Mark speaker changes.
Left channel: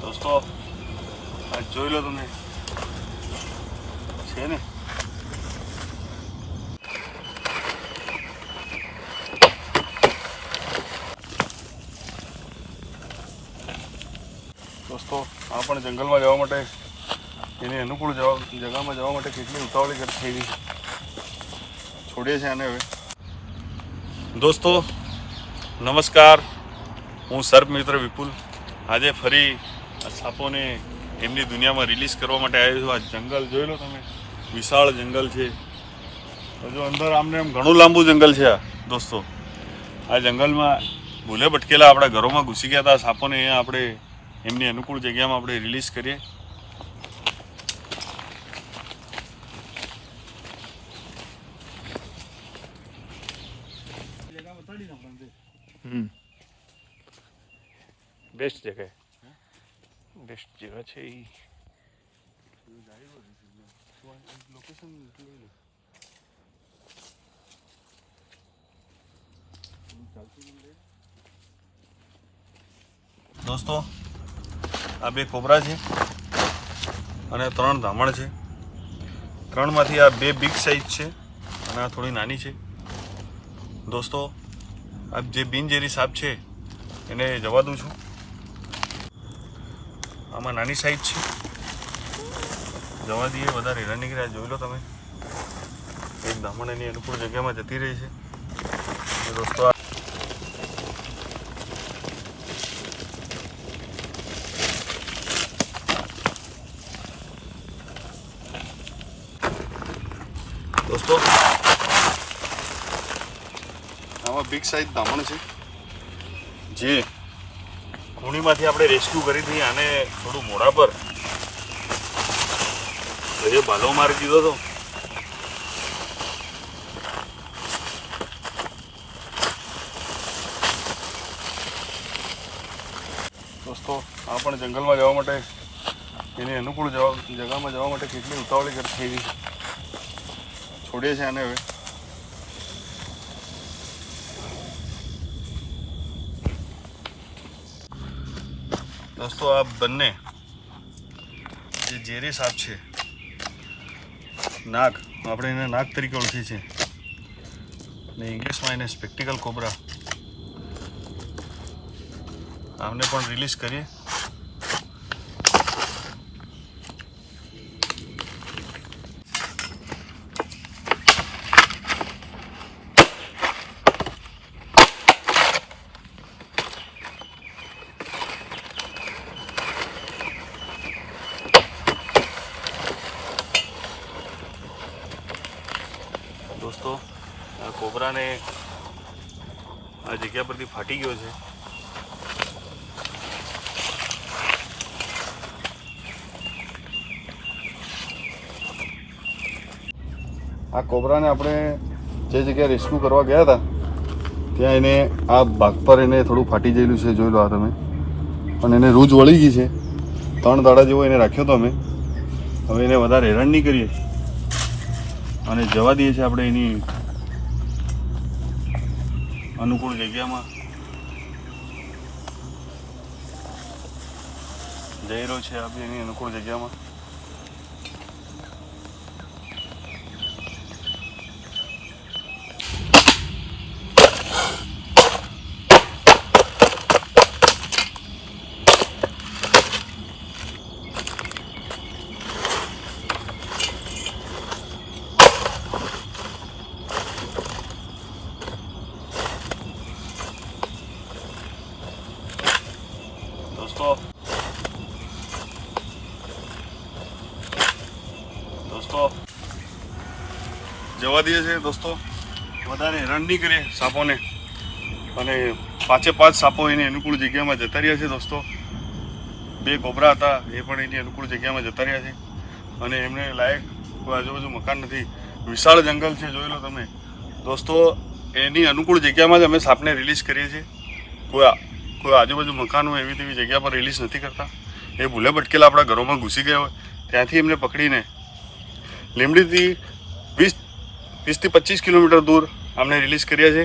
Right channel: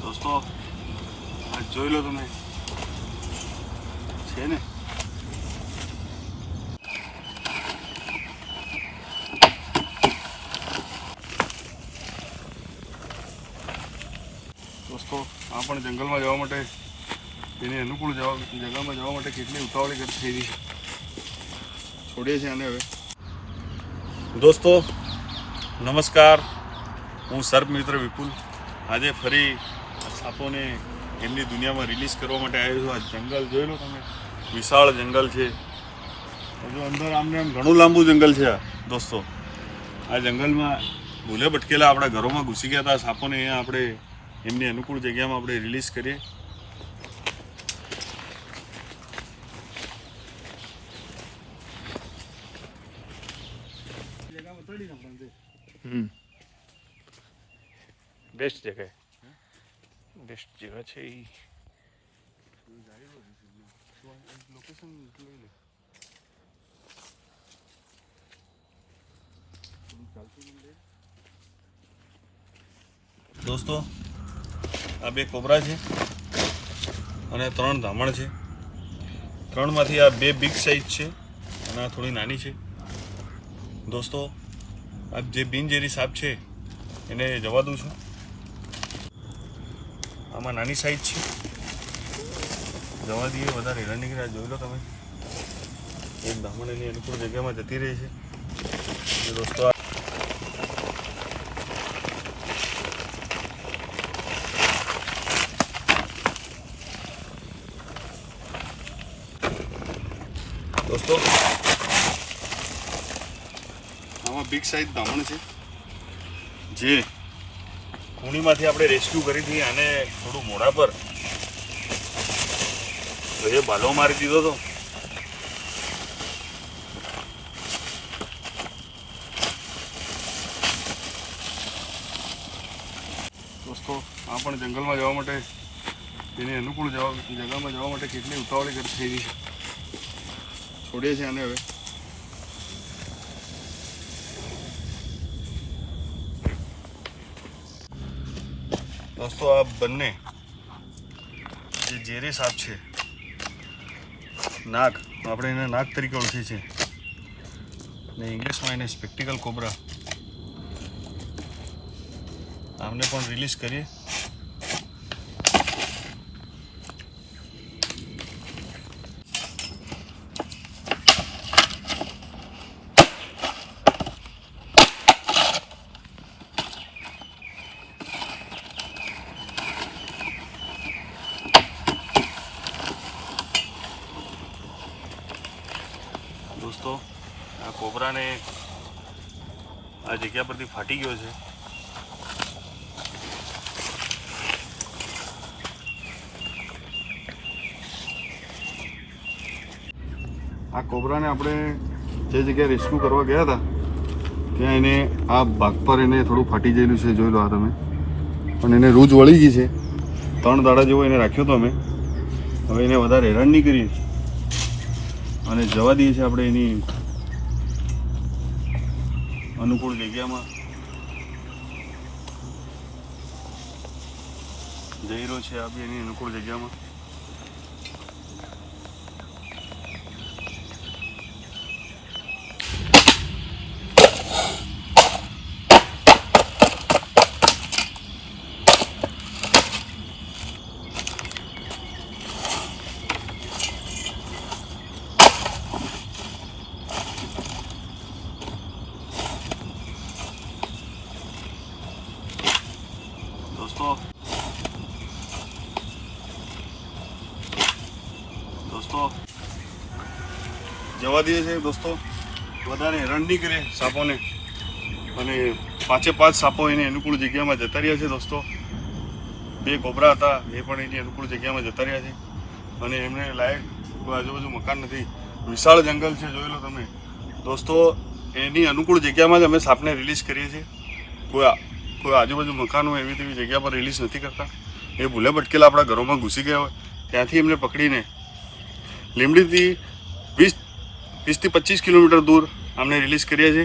Speaker 1: દોસ્તો, આ જોઈ લો તમે. છે ને? દોસ્તો, આ જંગલમાં જવા માટે, એની અનુકૂળ જવા જગામાં જવા માટે કેટલી ઉતાવળી કરી થઈ છોડીએ છીએ હવે. દોસ્તો, નમસ્કાર. હું સર્પ મિત્ર વિપુલ. આજે ફરી સાપોને એમની દુનિયામાં રિલીઝ કરવા માટે આવ્યો છું. આ જંગલ જોઈ લો તમે. વિશાળ જંગલ છે. હજુ અંદર આમને આમ ઘણું લાંબુ જંગલ છે આ, દોસ્તો. આ જંગલમાં ભૂલે ભટકેલા આપણા ઘરોમાં ઘૂસી ગયા હતા. સાપોને અહીંયા આપણે એમની અનુકૂળ જગ્યામાં આપણે રિલીઝ કરીએ. બેસ્ટ જગ્યા બેસ્ટ જગ્યા છે એ લોકેશન લઈ લે દોસ્તો આ બે કોબરા છે અને ત્રણ ધામણ છે. ત્રણમાંથી આ બે બિગ સાઇઝ છે અને આ થોડી નાની છે. દોસ્તો આ જે બિનઝેરી સાપ છે, એને જવા દઉં છું. આમાં નાની સાઈઝ છે. જવા દઈએ, વધારે હેરાન નીકળ્યા જોઈ લો તમે. એક ધામણ એની અનુકૂળ જગ્યામાં જતી રહી છે. દોસ્તો દોસ્તો બિગ સાઈઝ દામણ છે. જે. ખૂણીમાંથી આપણે રેસ્ક્યુ કરી હતી આને થોડું મોઢા પર. એ ભાલો મારી દીધો હતો દોસ્તો આ પણ જંગલમાં જવા માટે એની અનુકૂળ જવા જગામાં જવા માટે કેટલી ઉતાવળી કરી થઈ છોડીએ છીએ આને હવે. દોસ્તો, આ બંને જે ઝેરી સાપ છે, નાગ આપણે એને નાગ તરીકે ઓળખીએ છીએ. ને ઇંગ્લિશમાં એને સ્પેક્ટિકલ કોબરા આમને પણ રિલીઝ કરીએ. દોસ્તો આ કોબરાને આ જગ્યા પરથી ફાટી ગયો છે. આ કોબરાને આપણે જે જગ્યાએ રેસ્ક્યુ કરવા ગયા હતા, ત્યાં એને આ ભાગ પર એને થોડું ફાટી ગયેલું છે, જોઈ લો આ તમે. પણ એને રૂજ વળી ગઈ છે. ત્રણ દાડા જેવો એને રાખ્યો તો અમે. હવે એને વધારે હેરાન નહીં કરીએ. અને જવા દઈએ છીએ આપણે એની અનુકૂળ જગ્યામાં. જઈ રહ્યો છે આ બી એની અનુકૂળ જગ્યામાં દોસ્તો દોસ્તો. જવા દઈએ છે દોસ્તો. વધારે હેરાન નહીં કરીએ સાપોને. અને પાંચે પાંચ સાપો એની અનુકૂળ જગ્યામાં જતા રહ્યા છે દોસ્તો. બે કોબરા હતા, એ પણ એની અનુકૂળ જગ્યામાં જતા રહ્યા છે. અને એમને લાયક કોઈ આજુબાજુ મકાન નથી. વિશાળ જંગલ છે, જોઈ તમે. દોસ્તો, એની અનુકૂળ જગ્યામાં જ અમે સાપને રિલીઝ કરીએ છીએ. કોઈ કોઈ આજુબાજુ મકાન હોય, એવી તેવી જગ્યા પર રિલીઝ નથી કરતા. એ ભૂલે ભટકેલા આપણા ઘરોમાં ઘૂસી ગયા હોય. ત્યાંથી એમને પકડીને લીમડીથી વીસ વીસથી પચીસ કિલોમીટર દૂર અમને રિલીઝ કર્યા છે.